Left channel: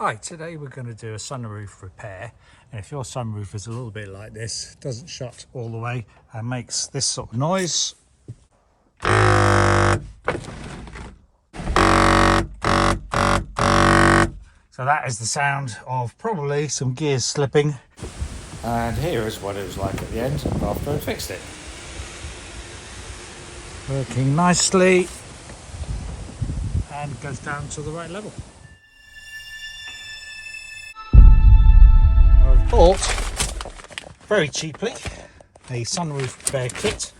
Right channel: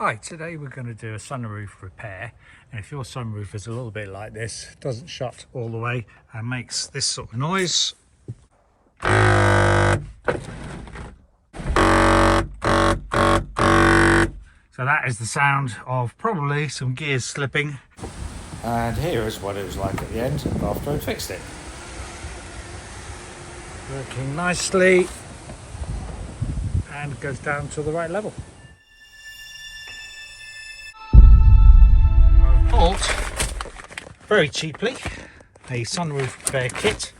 Hi, today we're going to do a sunroof repair, and if your sunroof is a little bit like this, doesn't shut all the way and makes this sort of noise, so that is the sound of probably some gears slipping. And here is what it was like at the end after I fixed it. Working nicely and goes down to the right level. I bought very cheaply a sunroof repair kit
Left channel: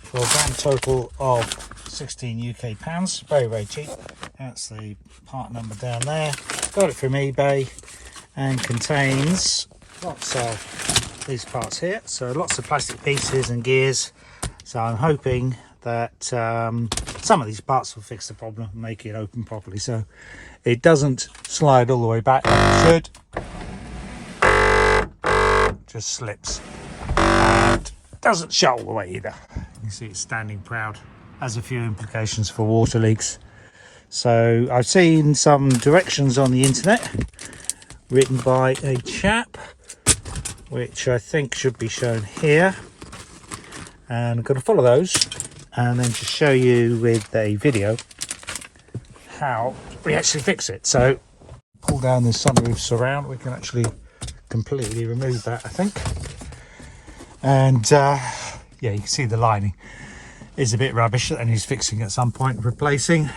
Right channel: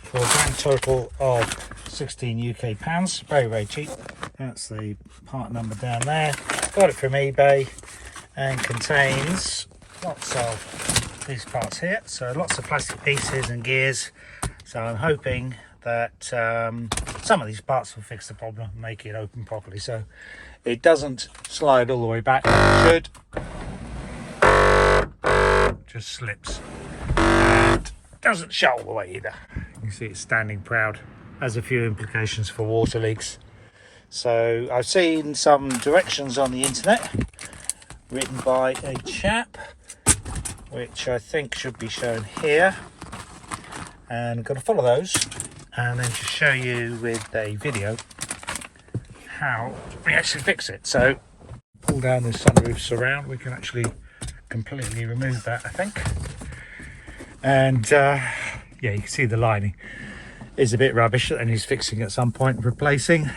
for a grand total of 16 UK pounds. Very cheap. That's the part number down there. Got it from eBay and contains lots of these parts here. So lots of plastic pieces and gears. So I'm hoping that some of these parts will fix the problem and make it open properly. So it doesn't slide all the way back. It should. Just slips and doesn't shut all the way either. You can see it's standing proud. Has a few implications for water leaks. So I've seen some directions on the internet written by a chap, which I think should be shown here, and I'm going to follow those and then just show you with a video how we actually fix it. So pull down this sunroof surround, we can actually completely remove that, I think. And yeah, you can see the lining is a bit rubbish that needs fixing at some point, replacing.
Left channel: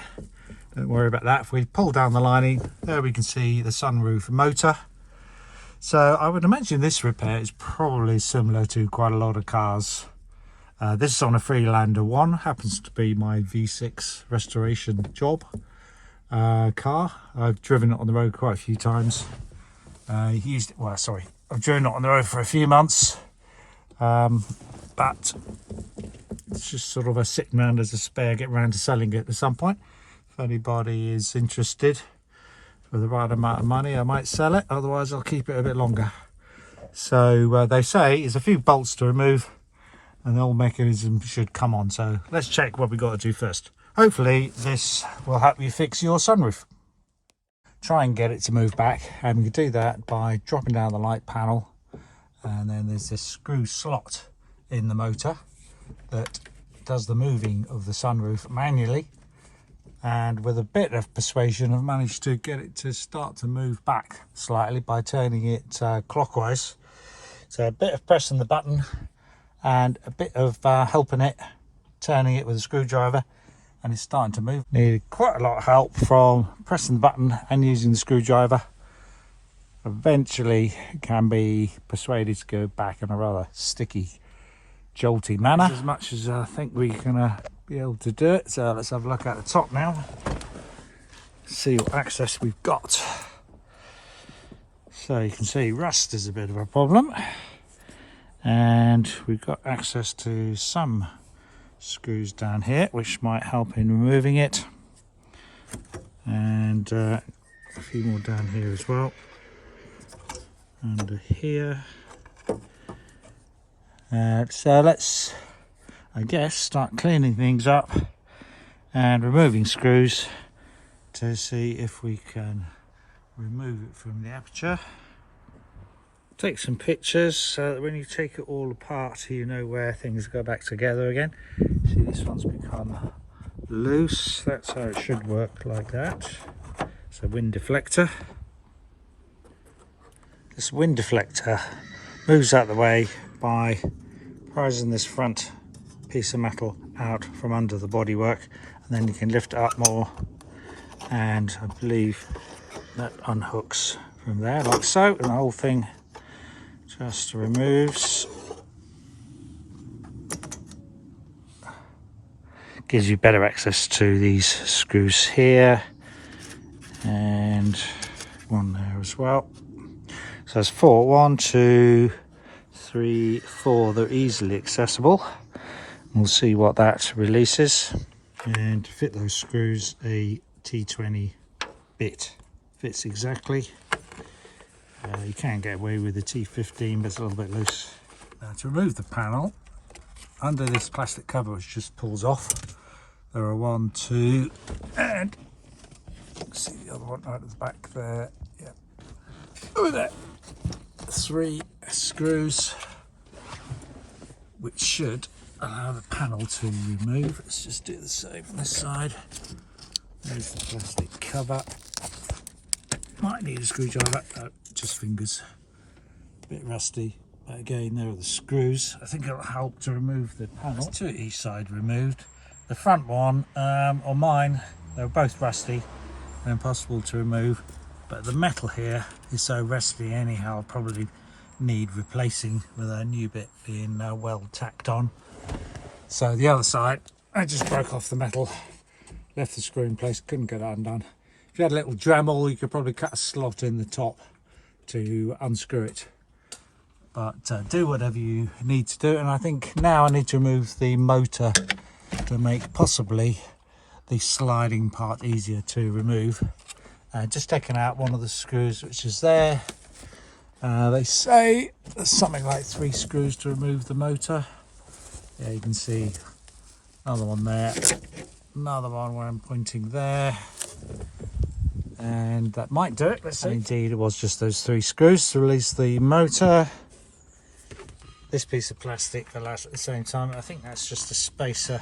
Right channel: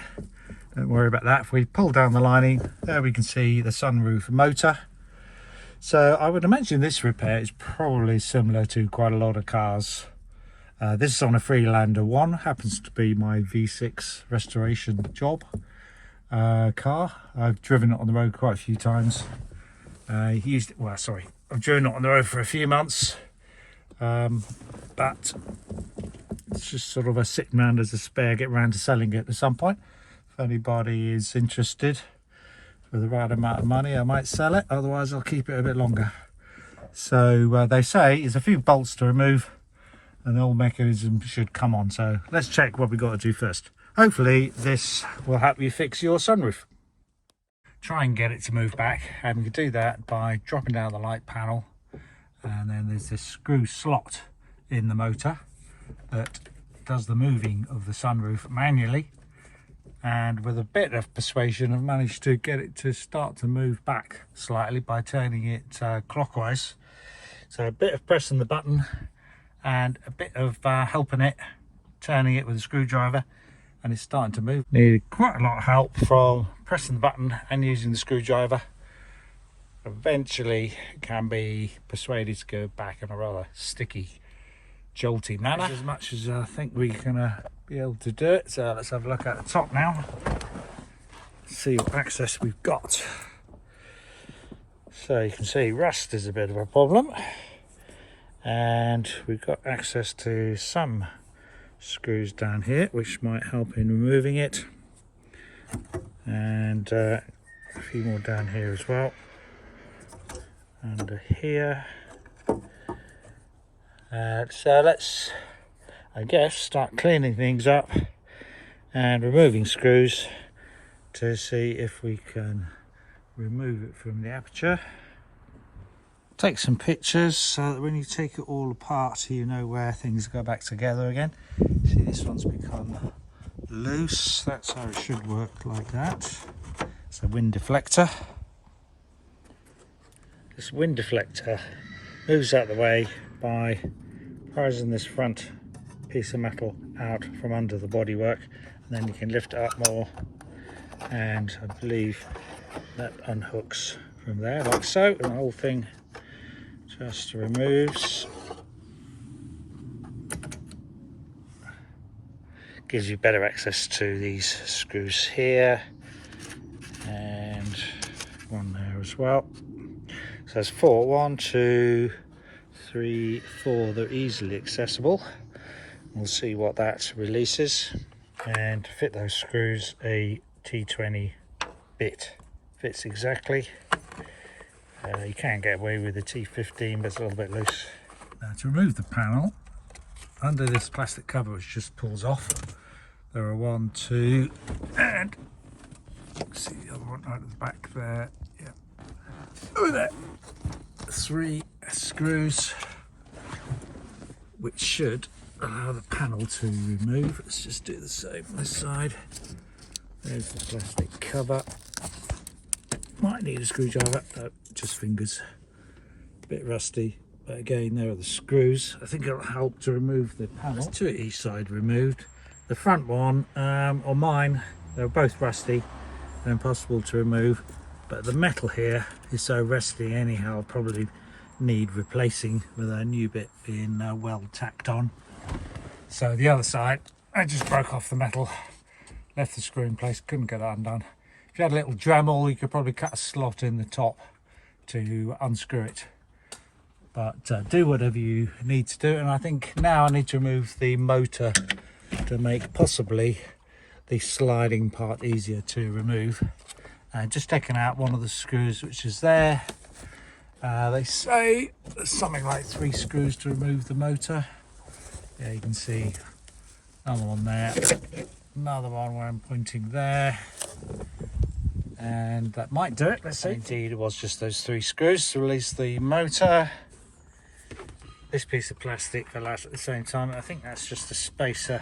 Don't worry about that. If we pull down the lining, there we can see the sunroof motor. So I would imagine this repair is probably similar to quite a lot of cars. This is on a Freelander 1, happens to be my V6 restoration job car. I've driven it on the road quite a few times. I've driven it on the road for a few months, but it's just sort of a sitting around as a spare, get around to selling it at some point. If anybody is interested for the right amount of money, I might sell it, otherwise I'll keep it a bit longer. So they say it's a few bolts to remove and the whole mechanism should come on. So let's check what we got to do first. Hopefully this will help you fix your sunroof. Try and get it to move back, and we can do that by dropping down the light panel, and then there's this screw slot in the motor that does the moving of the sunroof manually, and with a bit of persuasion I've managed to get it to start to move back slightly by turning it clockwise. So a bit of pressing the button and a bit of helping it, turning it with a screwdriver, and it's starting to move. Needed quite a lot of help from pressing the button and using the screwdriver. Eventually it can be persuaded to go back in a rather sticky, jolty manner. As much as I think we're gonna be able to do it. So let's have a look at the top now, see what access we've got. So you can see rust is a bit of a problem, and we've got access to some screws down here which might help in removing it, and a few more down here as well, under here. So let's, I guess, start cleaning things up and removing screws to see if we can remove it from the aperture. Take some pictures so that when you take it all apart you know where things go back together again. See, this one's become loose. That's how it should work, like that. It's a wind deflector. This wind deflector moves out of the way by prising this front piece of metal out from under the bodywork, and then you can lift it up more, and I believe that unhooks from there like so, and the whole thing just removes. Gives you better access to these screws here, and one there as well. So there's four. 1, 2, 3, 4. They're easily accessible. We'll see what that releases. And to fit those screws, a T20 bit fits exactly. You can get away with a T15, but it's a little bit loose. Now to remove the panel, under this plastic cover which just pulls off, there are 1, 2, and see the other one right at the back there. Yeah, 3 screws, which should allow the panel to remove. Let's just do the same on this side. There's the plastic cover. Might need a screwdriver, just fingers. A bit rusty, but again, there are the screws. I think it'll help to remove the panel. There's 2 each side removed. The front one, or mine, they were both rusty and impossible to remove, but the metal here is so rusty anyhow, I'll probably need replacing with a new bit being well tacked on. So the other side, I just broke off the metal, left the screw in place, couldn't get it undone. If you had a little Dremel, you could probably cut a slot in the top to unscrew it. But do whatever you need to do. And I think now I need to remove the motor to make possibly the sliding part easier to remove. Just taking out one of the screws which is there. They say there's something like 3 screws to remove the motor. Yeah, you can see another one there, another one where I'm pointing there, and that might do it. Let's see. Indeed, it was just those 3 screws to release the motor. This piece of plastic fell out at the same time. I think that's just a spacer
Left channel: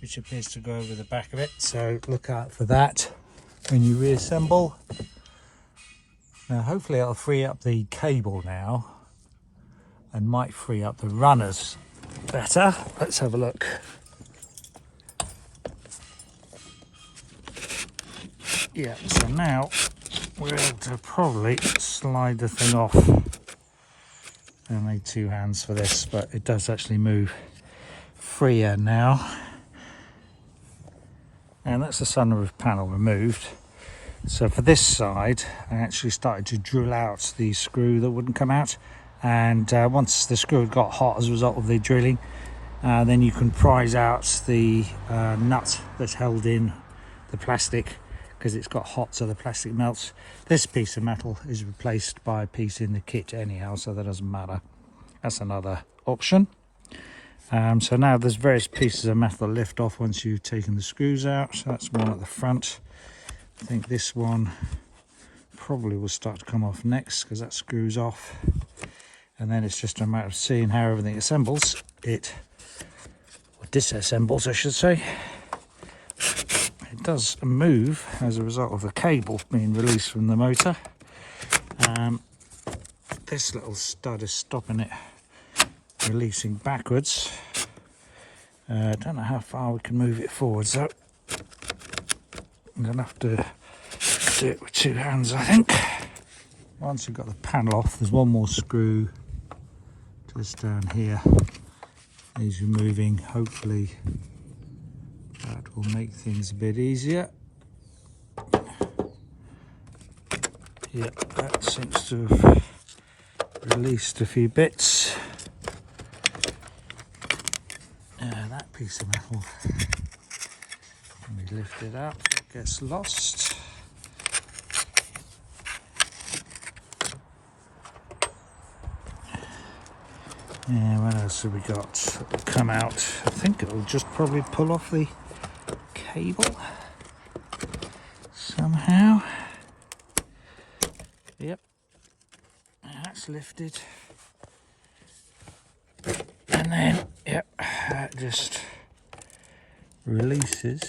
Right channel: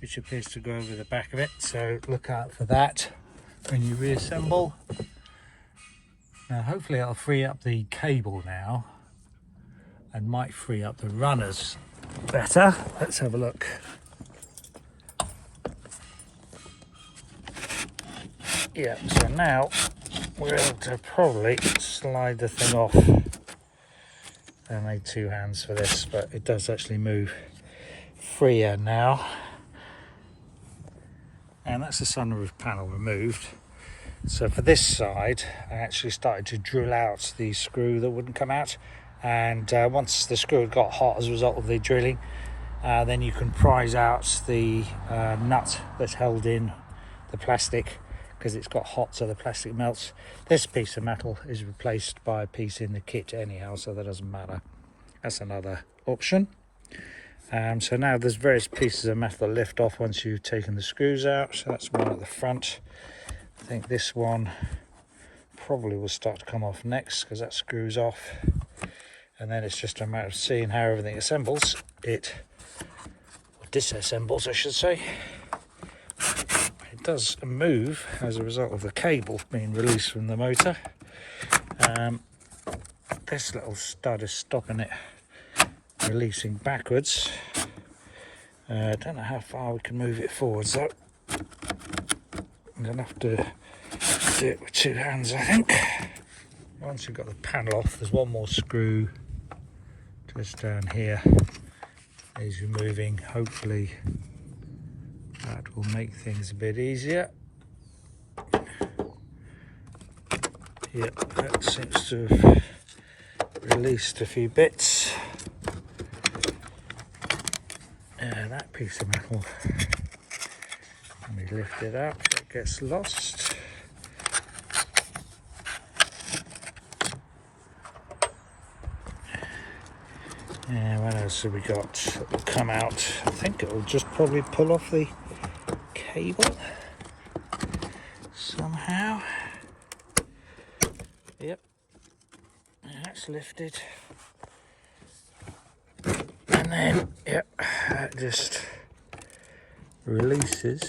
which appears to go over the back of it, so look out for that when you reassemble. Now hopefully it'll free up the cable now and might free up the runners better. Let's have a look. Yeah, so now we're able to probably slide the thing off. I made 2 hands for this, but it does actually move freer now. And that's the sunroof panel removed. So for this side, I actually started to drill out the screw that wouldn't come out. And once the screw had got hot as a result of the drilling, then you can prise out the nut that held in the plastic, because it's got hot so the plastic melts. This piece of metal is replaced by a piece in the kit anyhow, so that doesn't matter. That's another option. So now there's various pieces of metal that lift off once you've taken the screws out. So that's one at the front. I think this one probably will start to come off next because that screws off. And then it's just a matter of seeing how everything assembles. It disassembles, I should say. It does move as a result of the cable being released from the motor. This little stud is stopping it releasing backwards. I don't know how far we can move it forwards though. I'm going to have to do it with 2 hands, I think. Once we've got the panel off, there's one more screw just down here. Is removing. Hopefully that will make things a bit easier. Yep, that seems to have released a few bits. That piece of metal, let me lift it up, it gets lost. What else have we got? It'll come out. I think it will just probably pull off the cable somehow. Yep, that's lifted. And then, yep, that just releases.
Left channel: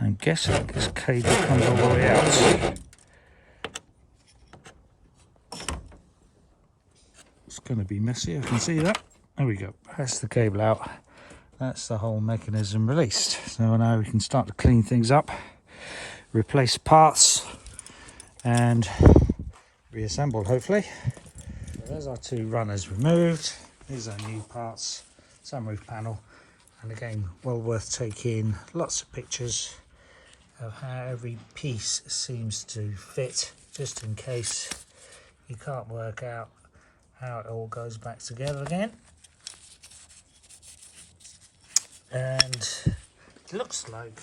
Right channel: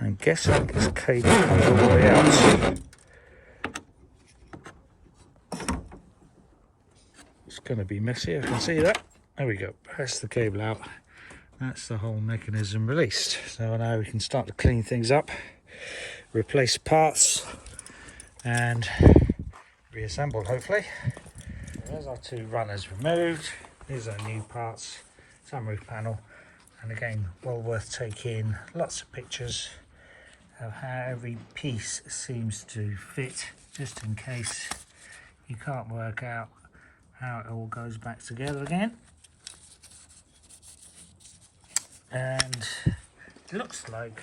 I'm guessing this cable comes all the way out. It's going to be messy, I can see that. There we go, that's the cable out. That's the whole mechanism released. So now we can start to clean things up, replace parts, and reassemble hopefully. There's our 2 runners removed. These are new parts, sunroof panel, and again, well worth taking lots of pictures of how every piece seems to fit, just in case you can't work out how it all goes back together again. And it looks like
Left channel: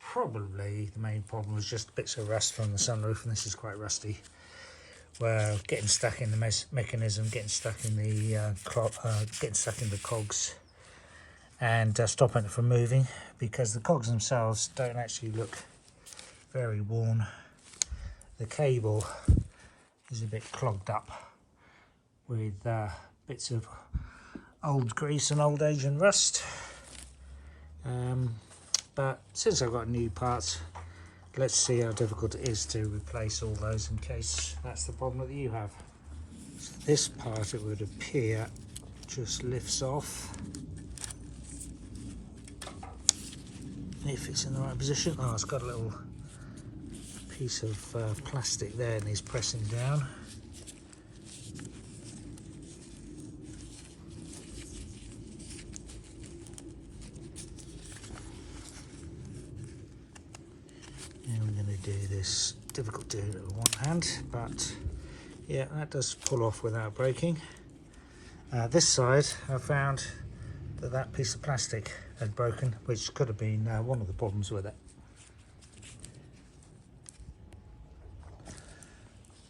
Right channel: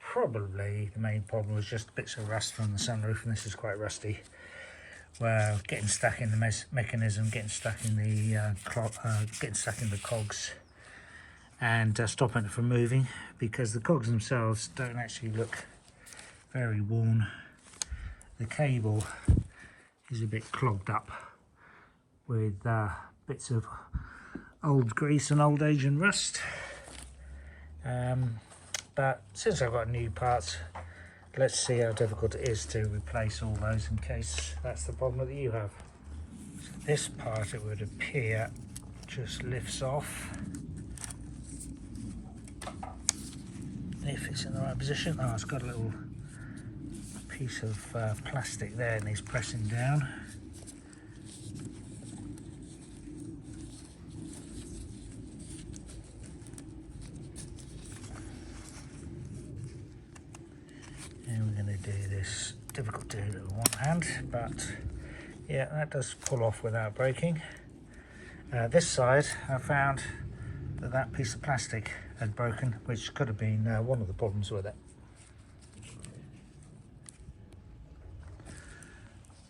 probably the main problem was just bits of rust from the sunroof, and this is quite rusty. Where getting stuck in the mechanism, getting stuck in the cogs, and stopping it from moving, because the cogs themselves don't actually look very worn. The cable is a bit clogged up with bits of old grease and old age and rust. But since I've got new parts, let's see how difficult it is to replace all those in case that's the problem that you have. So this part, it would appear, just lifts off. If it's in the right position. Oh, it's got a little piece of plastic there and he's pressing down. And we're going to do this, difficult to do it with one hand, but yeah, that does pull off without breaking. This side, I found that piece of plastic had broken, which could have been one of the problems with it.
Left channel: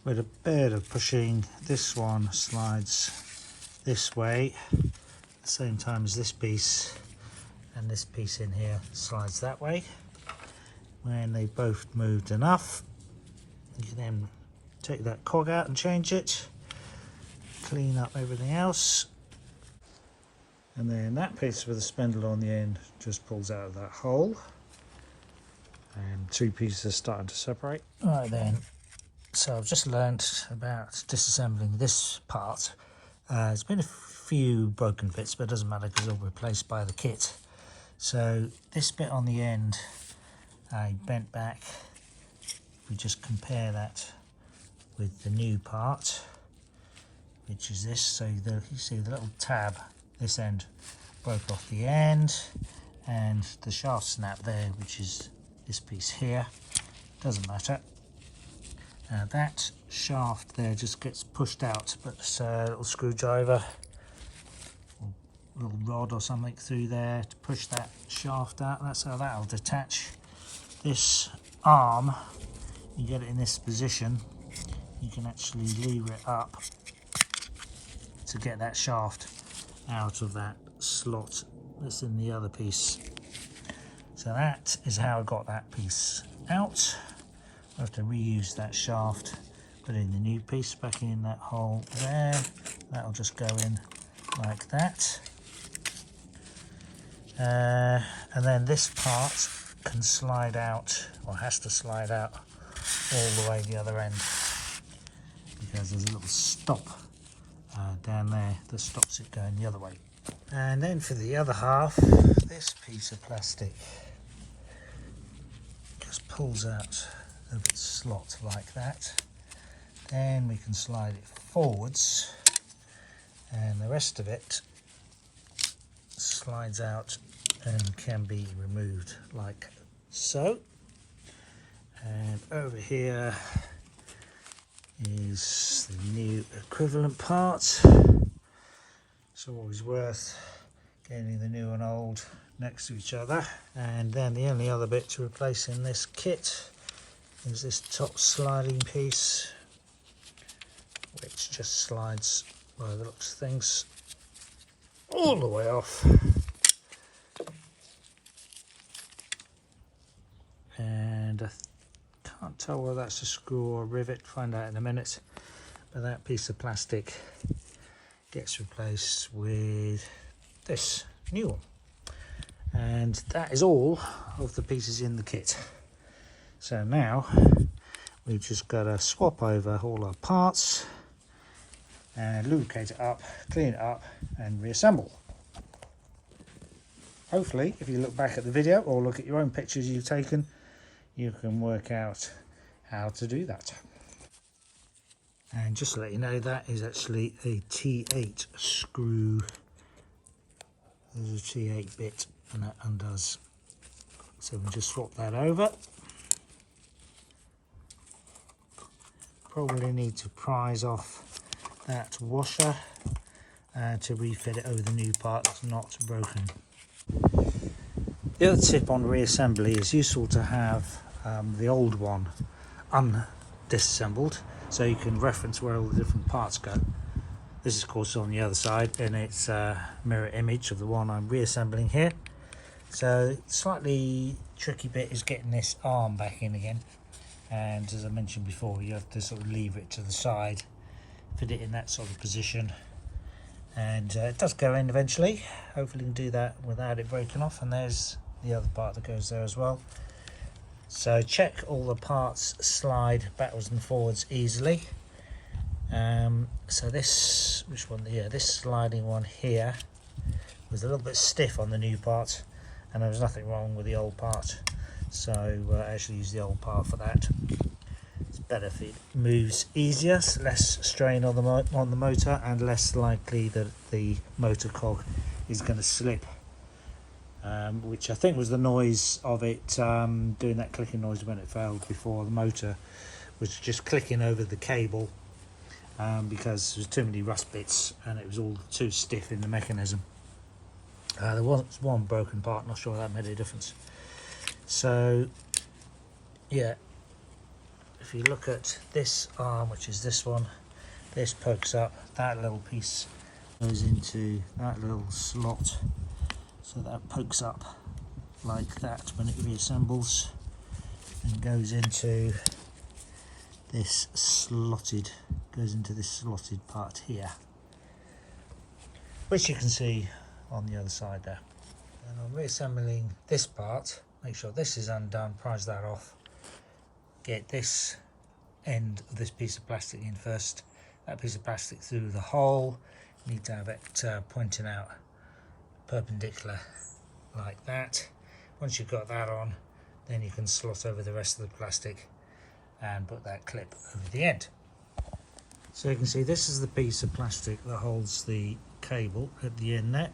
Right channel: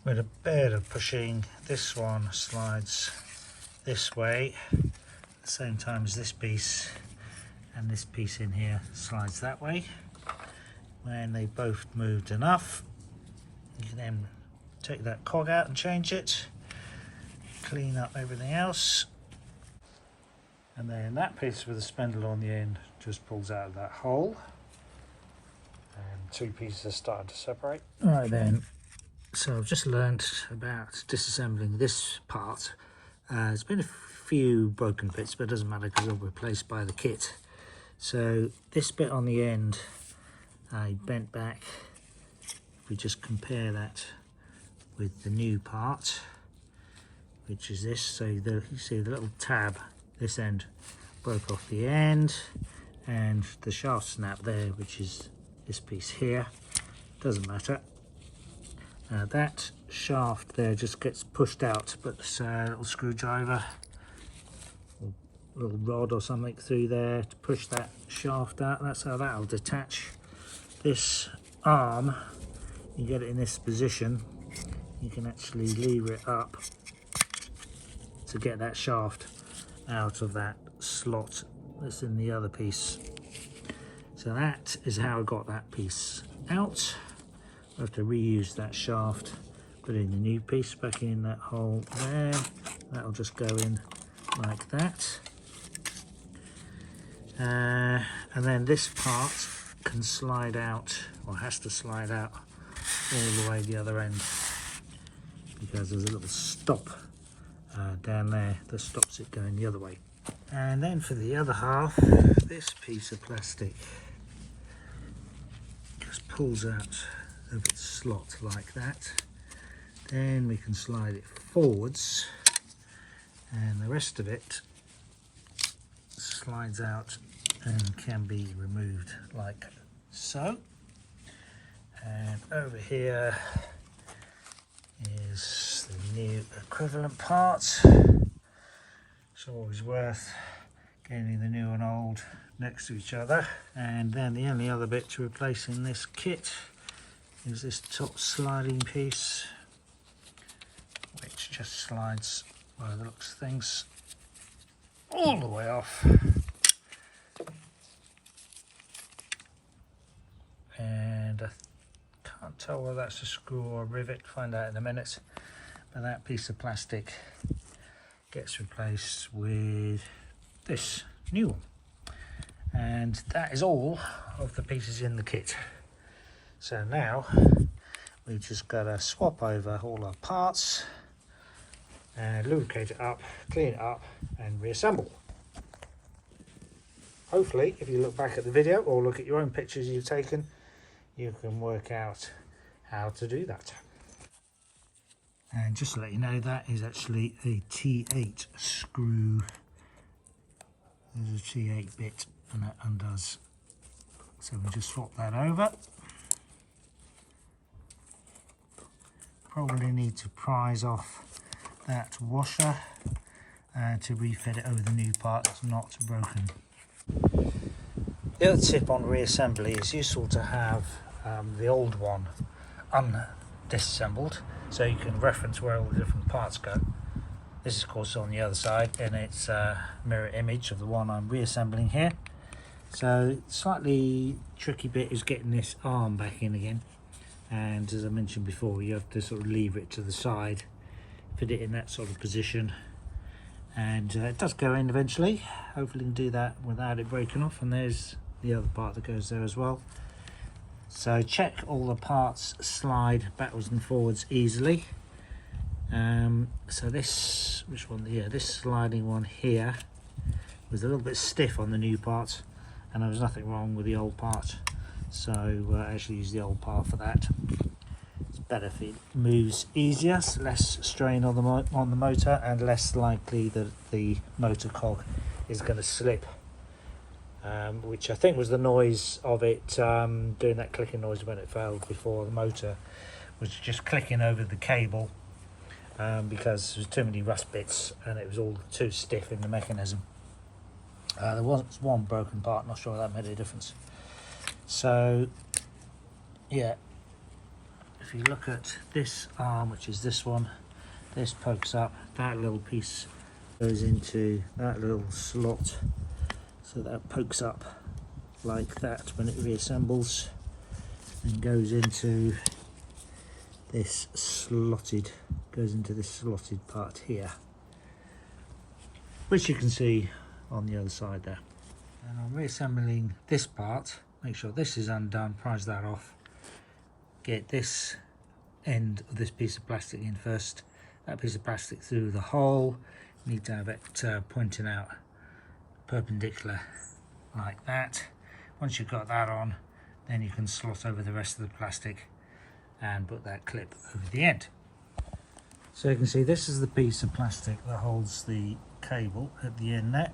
With a bit of pushing, this one slides this way at the same time as this piece, and this piece in here slides that way. When they both moved enough, you can then take that cog out and change it, clean up everything else, and then that piece with the spindle on the end just pulls out of that hole, and two pieces are starting to separate. Right then, so I've just learnt about disassembling this part. There's been a few broken bits, but it doesn't matter because they'll be replaced by the kit. So this bit on the end I bent back. We just compare that with the new part, which is this. So you see the little tab, this end broke off the end, and the shaft snap there, which is this piece here, doesn't matter. That shaft there just gets pushed out, but a little screwdriver or little rod or something through there to push that shaft out. That's how that'll detach. This arm, you get it in this position, you can actually lever it up to get that shaft out of that slot that's in the other piece. So that is how I got that piece out. I have to reuse that shaft, put in the new piece back in that hole there. That'll just go in like that. And then this part can slide out, or has to slide out all the way the other end, because there's a little stop down there that stops it going the other way. And then for the other half, this piece of plastic just pulls out of its slot like that. Then we can slide it forwards, and the rest of it slides out and can be removed like so. And over here is the new equivalent part. It's always worth getting the new and old next to each other. And then the only other bit to replace in this kit is this top sliding piece, which just slides, by the looks of things, all the way off. And I can't tell whether that's a screw or a rivet, find out in a minute. But that piece of plastic gets replaced with this new one. And that is all of the pieces in the kit. So now we've just got to swap over all our parts, lubricate it up, clean it up, and reassemble. Hopefully, if you look back at the video or look at your own pictures you've taken, you can work out how to do that. And just to let you know, that is actually a T8 screw. There's a T8 bit, and that undoes. So we just swap that over. Probably need to prise off that washer to refit it over the new part that's not broken. The other tip on reassembly is useful to have the old one undisassembled, so you can reference where all the different parts go. This is of course on the other side, and it's a mirror image of the one I'm reassembling here. So slightly tricky bit is getting this arm back in again. and as I mentioned before, you have to sort of lever it to the side, fit it in that sort of position, and it does go in eventually. Hopefully you can do that without it breaking off, and there's the other part that goes there as well. So check all the parts slide backwards and forwards easily. So this, which one? Yeah, this sliding one here was a little bit stiff on the new part, and there was nothing wrong with the old part, so actually use the old part for that. It's better if it moves easier, so less strain on the motor, and less likely that the motor cog is going to slip, which I think was the noise of it doing that clicking noise when it failed before. The motor was just clicking over the cable because there was too many rust bits and it was all too stiff in the mechanism. There was one broken part, not sure that made a difference. So yeah, if you look at this arm, which is this one, this pokes up, that little piece goes into that little slot, so that pokes up like that when it reassembles, and goes into this slotted part here, which you can see on the other side there. And I'm reassembling this part. Make sure this is undone, prise that off, get this end of this piece of plastic in first, that piece of plastic through the hole. You need to have it pointing out perpendicular like that. Once you've got that on, then you can slot over the rest of the plastic and put that clip over the end. So you can see this is the piece of plastic that holds the cable at the end there,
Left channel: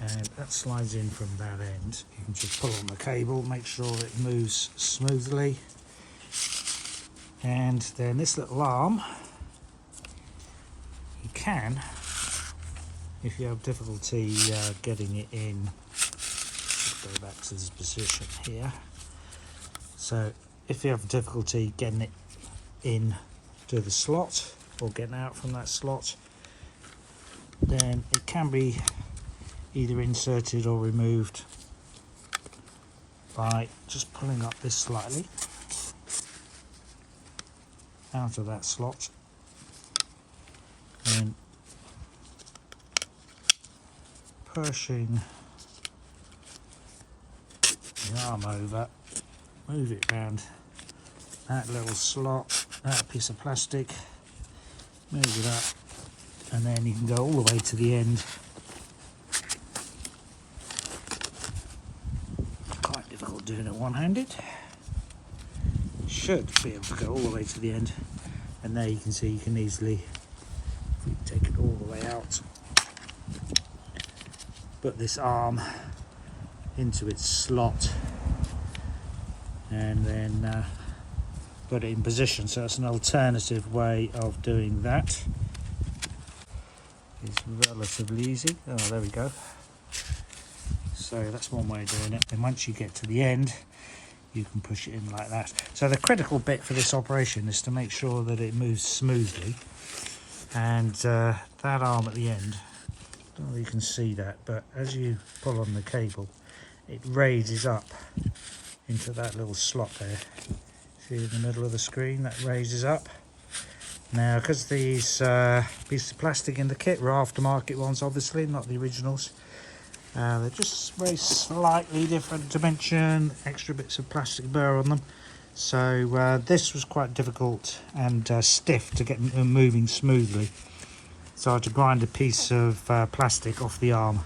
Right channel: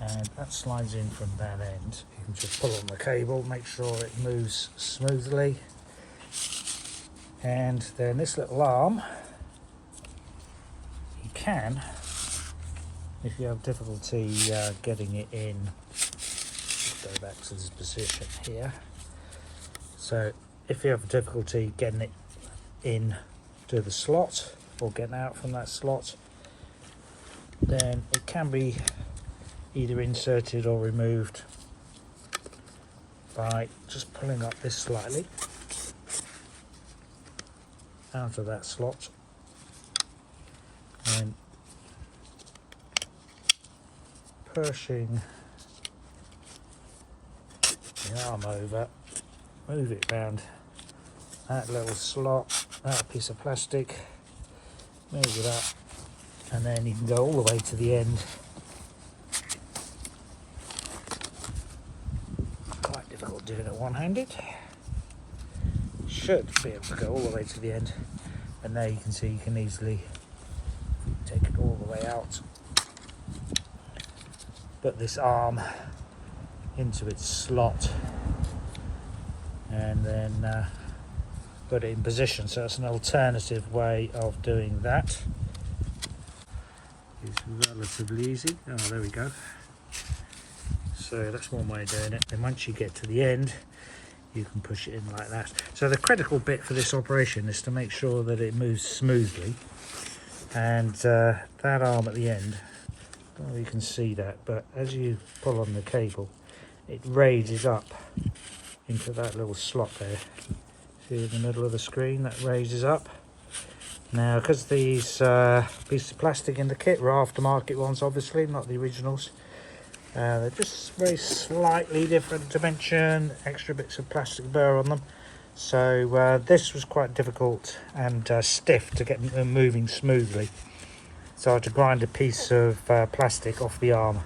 and that slides in from that end. You can just pull on the cable, make sure it moves smoothly, and then this little arm, you can, if you have difficulty getting it in, go back to this position here. So if you have difficulty getting it in to the slot or getting out from that slot, then it can be either inserted or removed by just pulling up this slightly out of that slot and pushing the arm over, move it round that little slot, that piece of plastic, move it up, and then you can go all the way to the end. Quite difficult doing it one-handed. Should be able to go all the way to the end, and there you can see you can easily take it all the way out, put this arm into its slot, and then put it in position. So it's an alternative way of doing that. It's relatively easy. Oh, there we go. So that's one way of doing it. And once you get to the end, you can push it in like that. So the critical bit for this operation is to make sure that it moves smoothly, and that arm at the end, I don't know if you can see that, but as you pull on the cable, it raises up into that little slot there. See in the middle of the screen, that raises up. Now, because these pieces of plastic in the kit were aftermarket ones, obviously, not the originals, they're just very slightly different dimension, extra bits of plastic burr on them. So this was quite difficult and stiff to get moving smoothly. So I had to grind a piece of plastic off the arm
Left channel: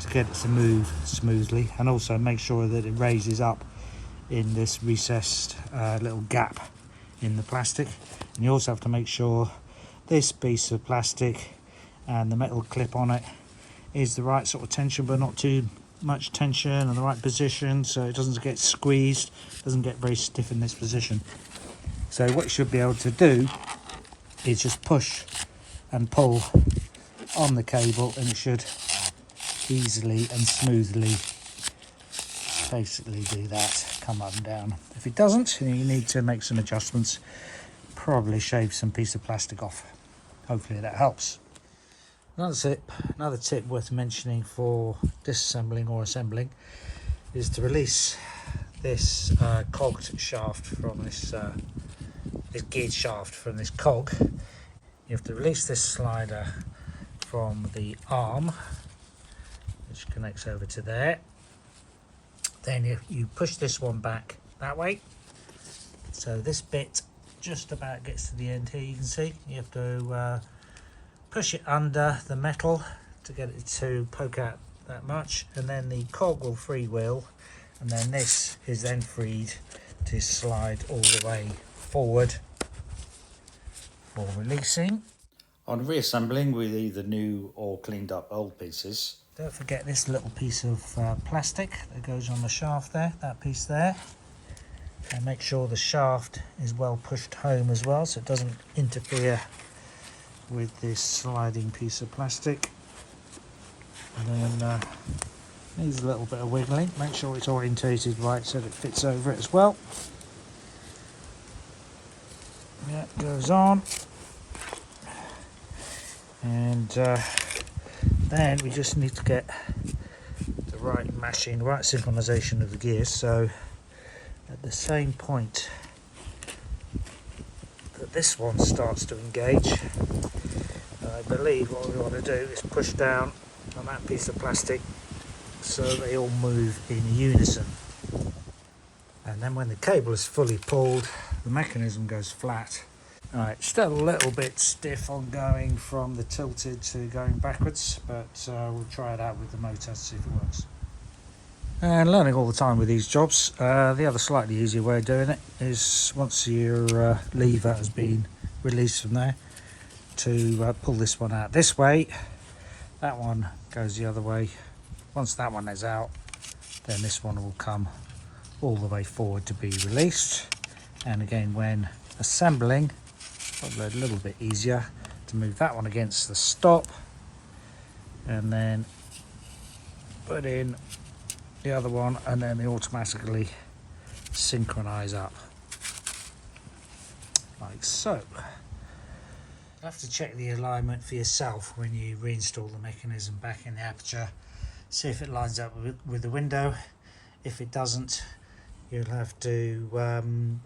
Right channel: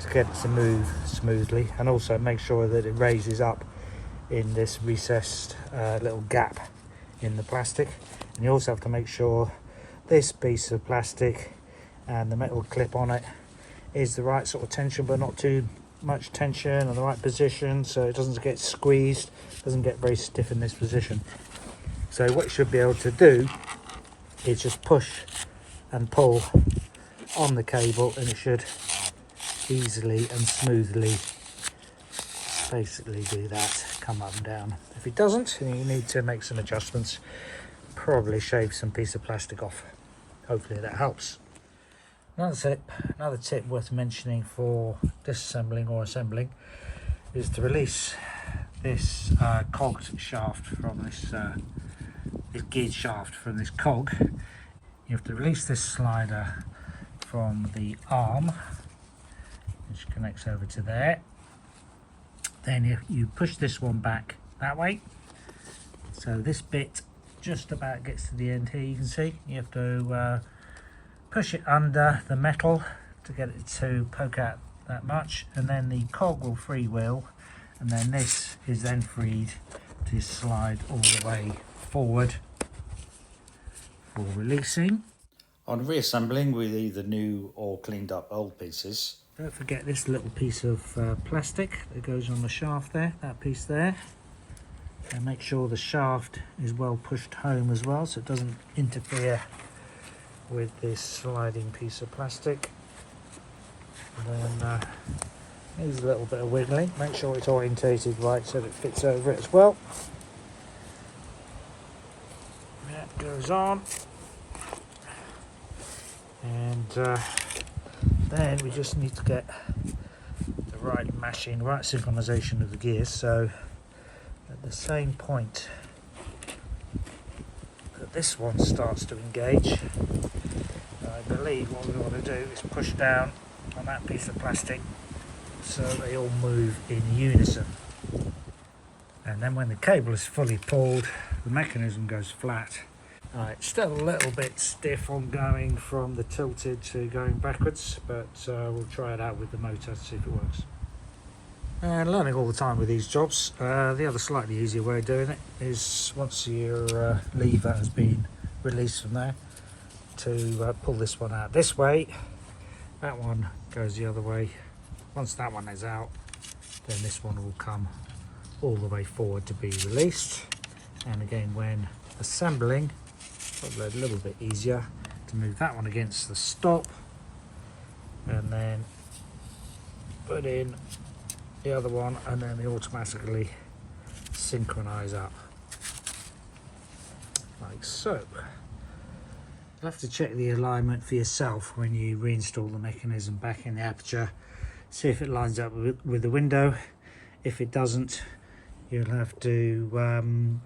to get it to move smoothly, and also make sure that it raises up in this recessed little gap in the plastic. And you also have to make sure this piece of plastic and the metal clip on it is the right sort of tension, but not too much tension, and the right position, so it doesn't get squeezed, doesn't get very stiff in this position. So what you should be able to do is just push and pull on the cable, and it should easily and smoothly basically do that, come up and down. If it doesn't, you need to make some adjustments, probably shave some piece of plastic off. Hopefully that helps. Another tip worth mentioning for disassembling or assembling is to release this cogged shaft from this geared shaft from this cog, you have to release this slider from the arm, which connects over to there. Then you push this one back that way, so this bit just about gets to the end here. You can see you have to push it under the metal to get it to poke out that much, and then the cog will freewheel, and then this is then freed to slide all the way forward for releasing. On reassembling with either new or cleaned up old pieces, don't forget this little piece of plastic that goes on the shaft there, that piece there, and make sure the shaft is well pushed home as well so it doesn't interfere with this sliding piece of plastic. And then there's a little bit of wiggling, make sure it's orientated right so that it fits over it as well. That goes on, and then we just need to get the right mashing, right synchronization of the gears, so at the same point that this one starts to engage, I believe what we want to do is push down on that piece of plastic so they all move in unison, and then when the cable is fully pulled, the mechanism goes flat. Alright, still a little bit stiff on going from the tilted to going backwards, but we'll try it out with the motor to see if it works. And learning all the time with these jobs, the other slightly easier way of doing it is once your lever has been released from there, to pull this one out this way, that one goes the other way. Once that one is out, then this one will come all the way forward to be released. And again, when assembling, it'll be a little bit easier to move that one against the stop and then put in the other one, and then they automatically synchronize up like so. You'll have to check the alignment for yourself when you reinstall the mechanism back in the aperture, see if it lines up with the window. If it doesn't, you'll have to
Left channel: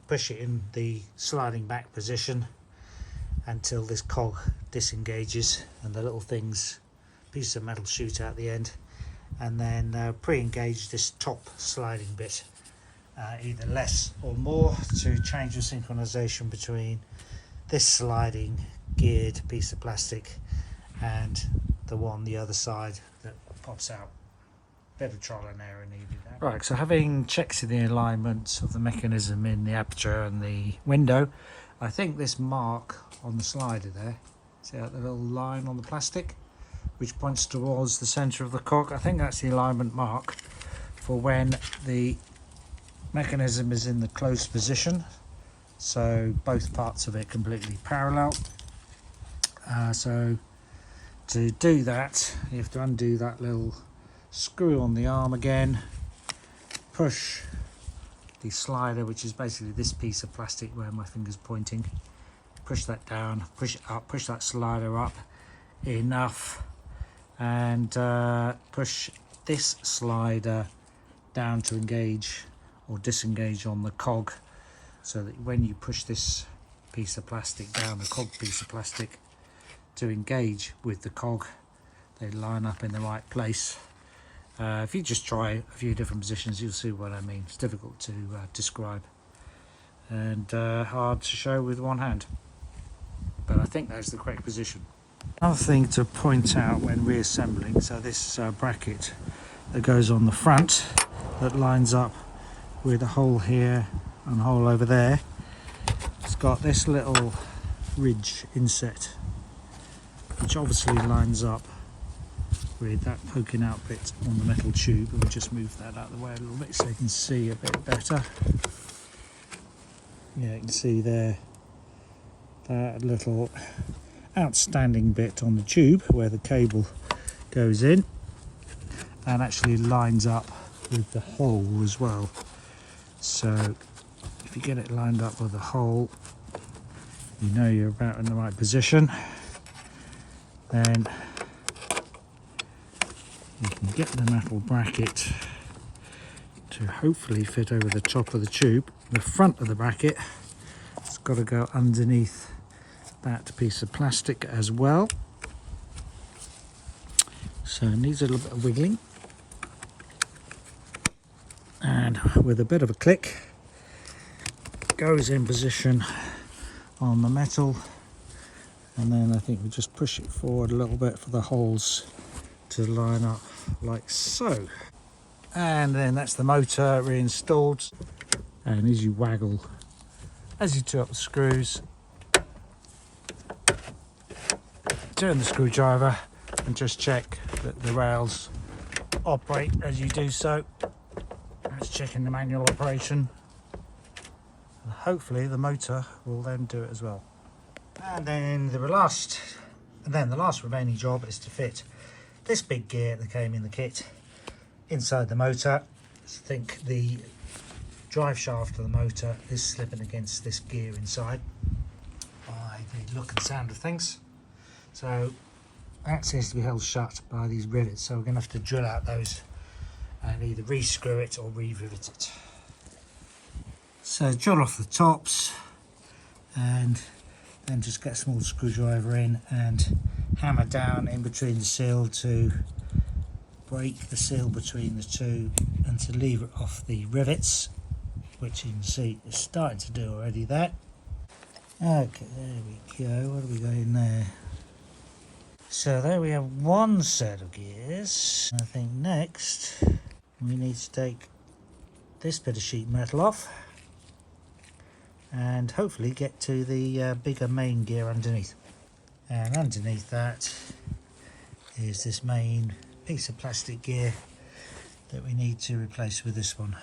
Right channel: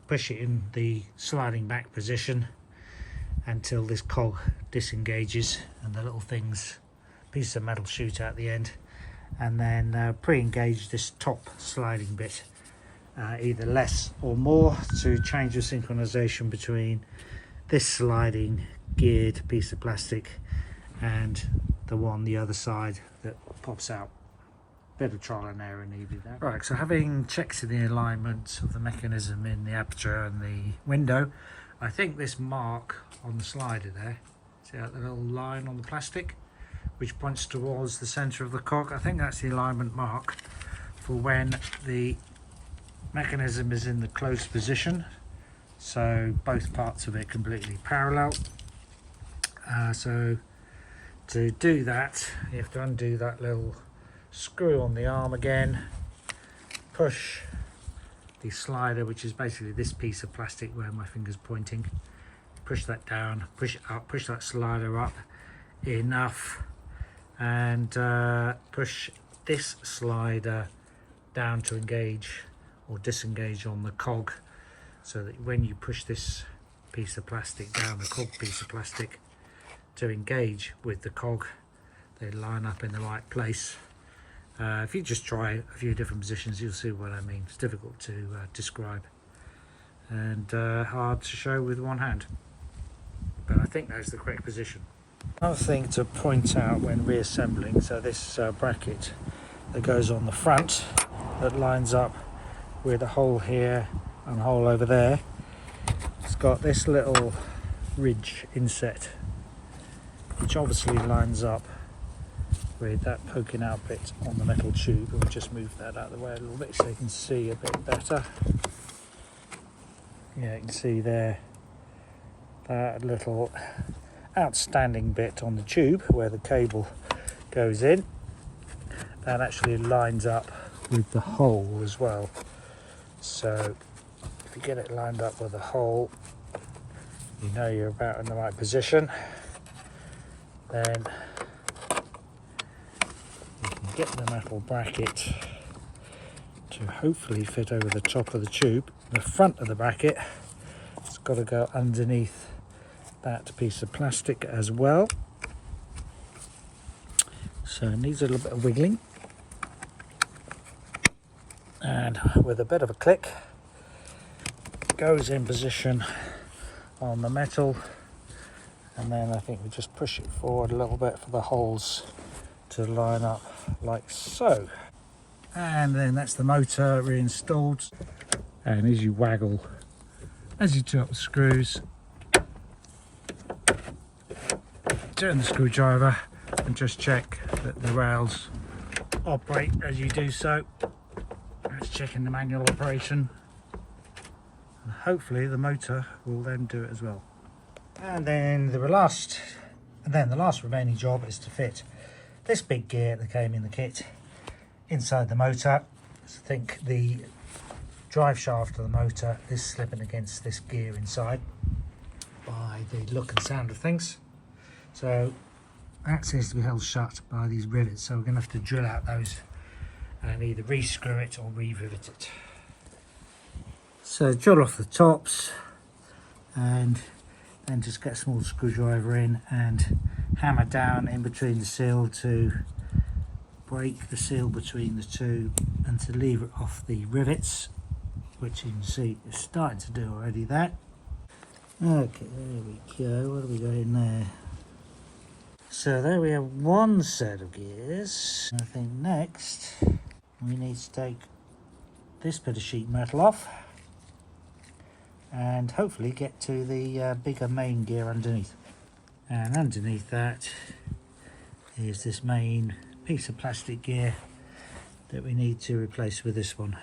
push it in the sliding back position until this cog disengages and the little things, piece of metal, shoot out the end, and then pre-engage this top sliding bit, either less or more, to change the synchronization between this sliding geared piece of plastic and the one the other side that pops out. Bit of trial and error needed there. Right, so having checked the alignment of the mechanism in the aperture and the window, I think this mark on the slider there, see that little line on the plastic which points towards the center of the cog, I think that's the alignment mark for when the mechanism is in the closed position, so both parts of it completely parallel. So to do that, you have to undo that little screw on the arm again, push the slider, which is basically this piece of plastic where my finger's pointing, push that down, push it up, push that slider up enough, and push this slider down to engage or disengage on the cog, so that when you push this piece of plastic down, the cog piece of plastic, to engage with the cog, they line up in the right place. If you just try a few different positions, you'll see what I mean. It's difficult to describe and hard to show with one hand, but I think that's the correct position. Another thing to point out when reassembling, so this bracket that goes on the front that lines up with a hole here and a hole over there, it's got this little ridge inset which obviously lines up with that poking out bit on the metal tube. We'll just move that out of the way a little bit so you can see a bit better. Yeah, you can see there that little outstanding bit on the tube where the cable goes in, and actually lines up with the hole as well. So if you get it lined up with the hole, you know you're about in the right position. Then you can get the metal bracket to hopefully fit over the top of the tube. The front of the bracket has got to go underneath that piece of plastic as well. So it needs a little bit of wiggling. And with a bit of a click, it goes in position on the metal. And then I think we just push it forward a little bit for the holes to line up like so. And then that's the motor reinstalled. And as you waggle, as you turn up the screws, turn the screwdriver and just check that the rails operate as you do so. That's checking the manual operation. And hopefully the motor will then do it as well. And then the last remaining job is to fit this big gear that came in the kit inside the motor. I think the drive shaft of the motor is slipping against this gear inside by the look and sound of things. So that seems to be held shut by these rivets, so we're going to have to drill out those and either re-screw it or re-rivet it. So drill off the tops and then just get a small screwdriver in and hammer down in between the seal to break the seal between the two and to lever it off the rivets, which you can see is starting to do already there. Okay, there we go. What have we got in there? So there we have one set of gears. I think next we need to take this bit of sheet metal off and hopefully get to the bigger main gear underneath. And underneath that is this main piece of plastic gear that we need to replace with this one.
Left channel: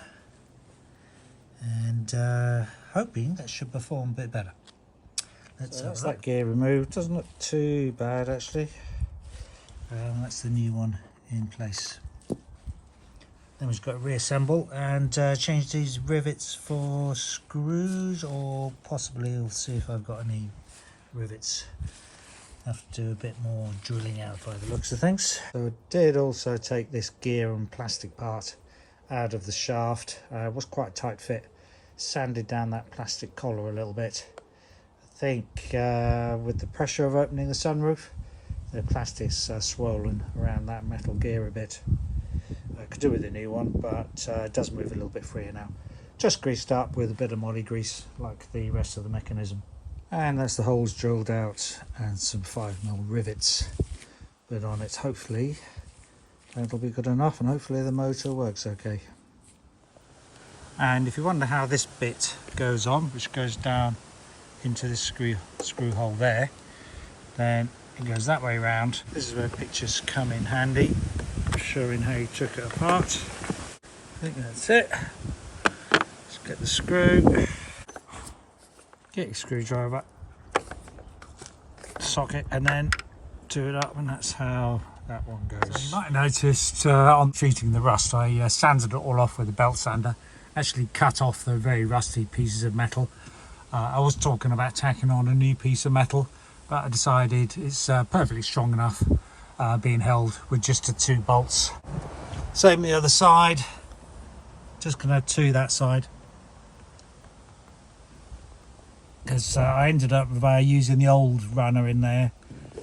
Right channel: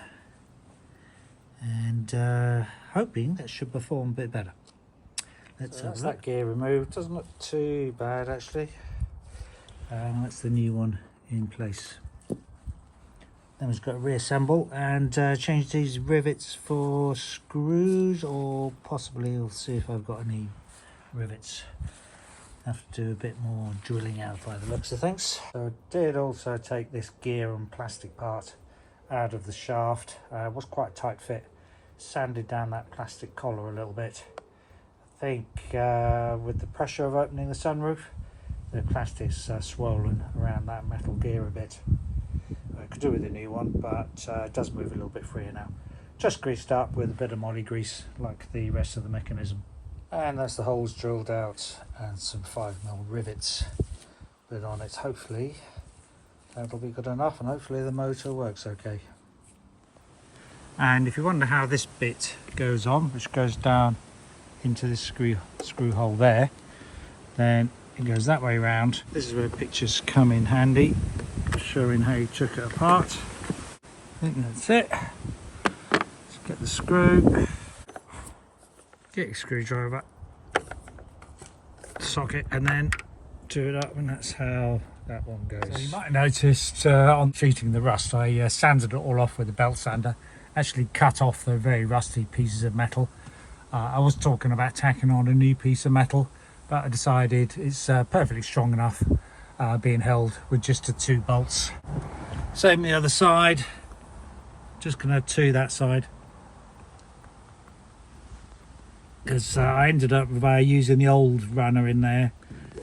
And hoping that should perform a bit better. Let's have that gear removed. Doesn't look too bad actually. That's the new one in place. Then we've got to reassemble and change these rivets for screws, or possibly we'll see if I've got any rivets. Have to do a bit more drilling out by the looks of things. So I did also take this gear and plastic part out of the shaft. It was quite a tight fit. Sanded down that plastic collar a little bit. I think with the pressure of opening the sunroof, the plastic's swollen around that metal gear a bit. I could do with a new one, but it does move a little bit freer now. Just greased up with a bit of moly grease like the rest of the mechanism. And that's the holes drilled out and some 5mm rivets put on it. Hopefully that'll be good enough, and hopefully the motor works okay. And if you wonder how this bit goes on, which goes down into this screw hole there, then it goes that way round. This is where pictures come in handy, showing how you took it apart. I think that's it. Let's get the screw, get your screwdriver, socket, and then do it up, and that's how that one goes. So you might have noticed on treating the rust, I sanded it all off with a belt sander. Actually cut off the very rusty pieces of metal. I was talking about tacking on a new piece of metal, but I decided it's perfectly strong enough being held with just the 2 bolts. Same the other side, just going to to that side, because I ended up using the old runner in there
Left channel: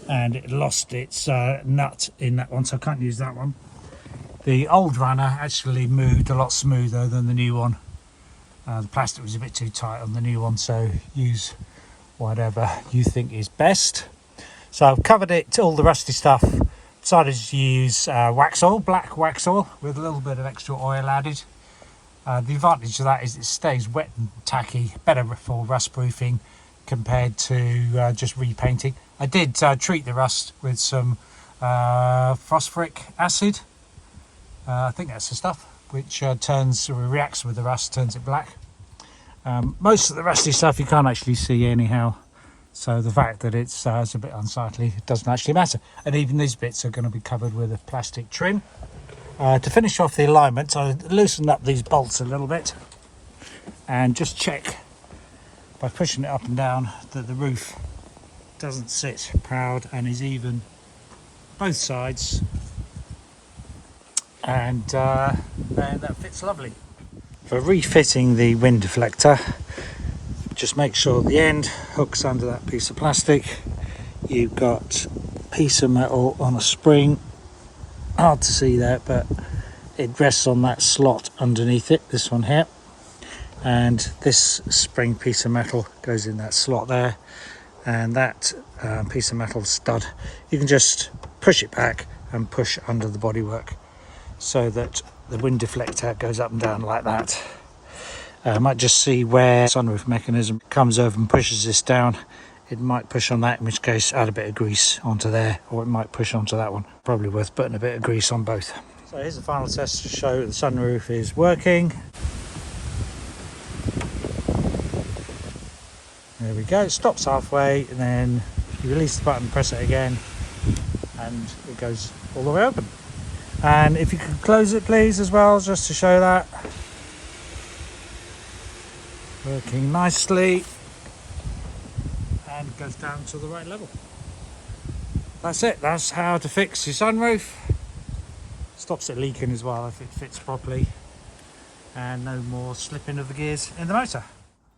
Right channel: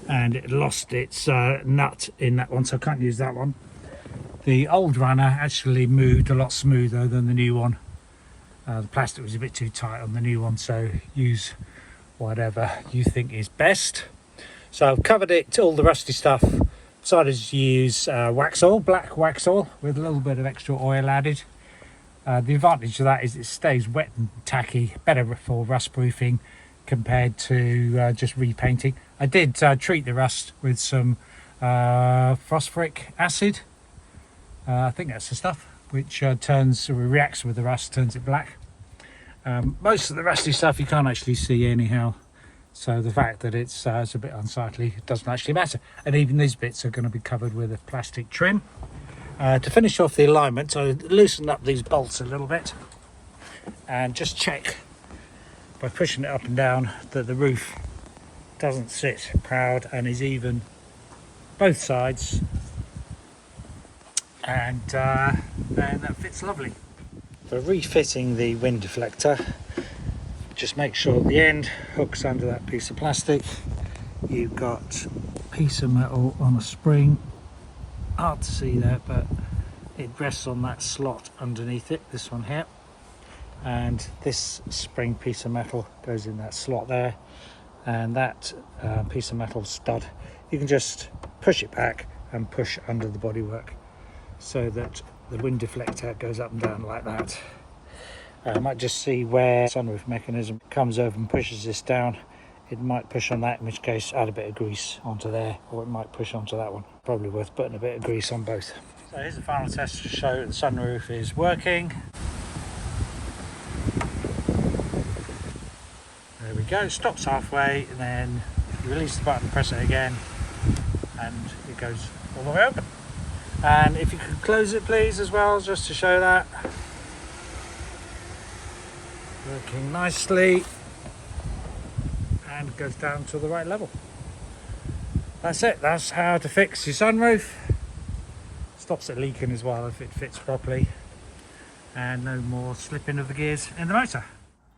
and it lost its nut in that one, so I can't use that one. The old runner actually moved a lot smoother than the new one. The plastic was a bit too tight on the new one, so use whatever you think is best. So I've covered it, all the rusty stuff. Decided to use wax oil, black wax oil, with a little bit of extra oil added. The advantage of that is it stays wet and tacky, better for rust proofing compared to just repainting. I did treat the rust with some phosphoric acid. I think that's the stuff which reacts with the rust, turns it black. Most of the rusty stuff you can't actually see anyhow, so the fact that it's a bit unsightly, it doesn't actually matter. And even these bits are going to be covered with a plastic trim. To finish off the alignment, I loosened up these bolts a little bit and just check by pushing it up and down that the roof doesn't sit proud and is even both sides. And that fits lovely. For refitting the wind deflector, just make sure the end hooks under that piece of plastic. You've got a piece of metal on a spring, hard to see that, but it rests on that slot underneath it, this one here, and this spring piece of metal goes in that slot there, and that piece of metal stud, you can just push it back and push under the bodywork so that the wind deflector goes up and down like that. I might just see where the sunroof mechanism comes over and pushes this down. It might push on that, in which case add a bit of grease onto there, or it might push onto that one. Probably worth putting a bit of grease on both. So here's the final test to show the sunroof is working. There we go, it stops halfway, and then you release the button, press it again, and it goes all the way open. And if you could close it please as well, just to show that. Working nicely, and it goes down to the right level. That's it, that's how to fix your sunroof. Stops it leaking as well if it fits properly, and no more slipping of the gears in the motor.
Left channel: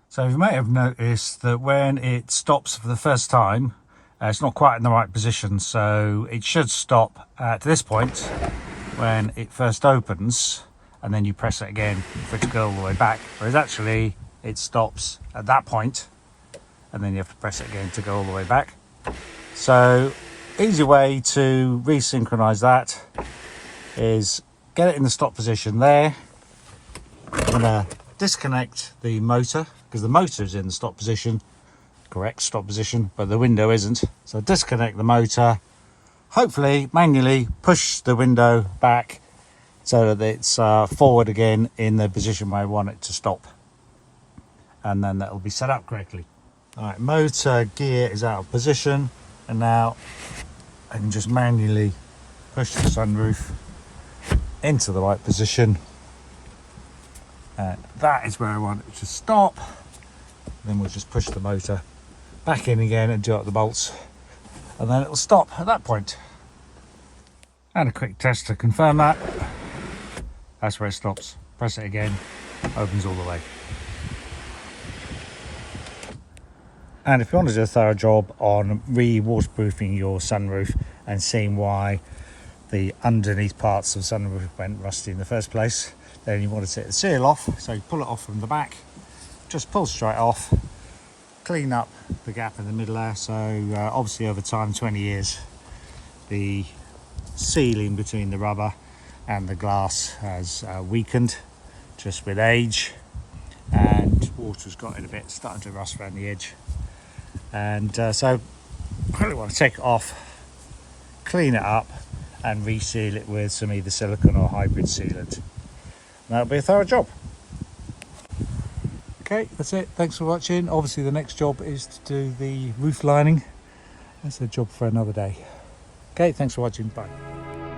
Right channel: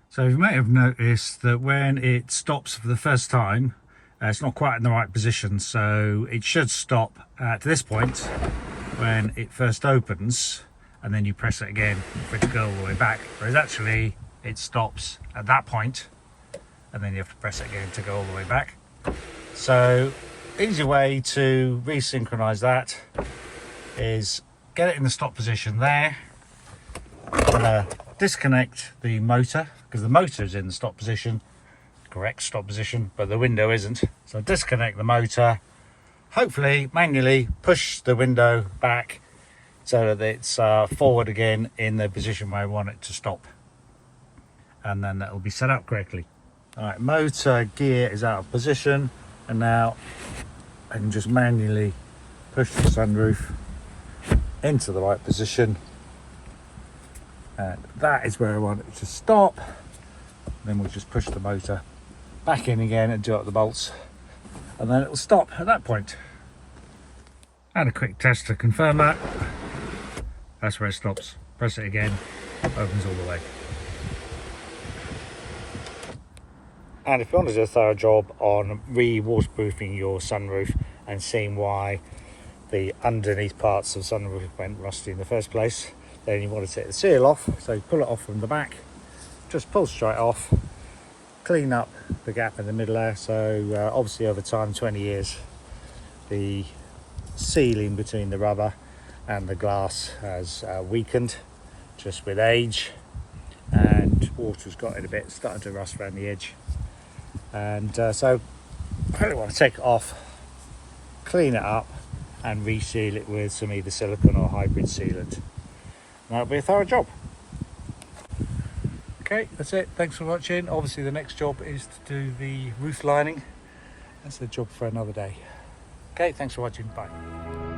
So you may have noticed that when it stops for the first time, it's not quite in the right position, so it should stop at this point when it first opens, and then you press it again for it to go all the way back, whereas actually it stops at that point and then you have to press it again to go all the way back. So easy way to resynchronize that is get it in the stop position there. I'm gonna disconnect the motor because the motor is in the stop position, correct stop position, but the window isn't. So disconnect the motor, hopefully manually push the window back so that it's forward again in the position where I want it to stop, and then that will be set up correctly. Alright, motor gear is out of position, and now I can just manually push the sunroof into the right position, and that is where I want it to stop. Then we'll just push the motor back in again and do out the bolts, and then it will stop at that point. And a quick test to confirm that. That's where it stops. Press it again, opens all the way. And if you want to do a thorough job on re-waterproofing your sunroof and seeing why the underneath parts of the sunroof went rusty in the first place, then you want to take the seal off. So you pull it off from the back, just pull straight off, clean up the gap in the middle there. So obviously over time, 20 years, the sealing between the rubber and the glass has weakened just with age, and water's got it a bit, starting to rust around the edge. And so I really want to take it off, clean it up, and reseal it with some either silicone or hybrid sealant. And that'll be a thorough job. Okay, that's it. Thanks for watching. Obviously the next job is to do the roof lining. That's a job for another day. Okay, thanks for watching. Bye.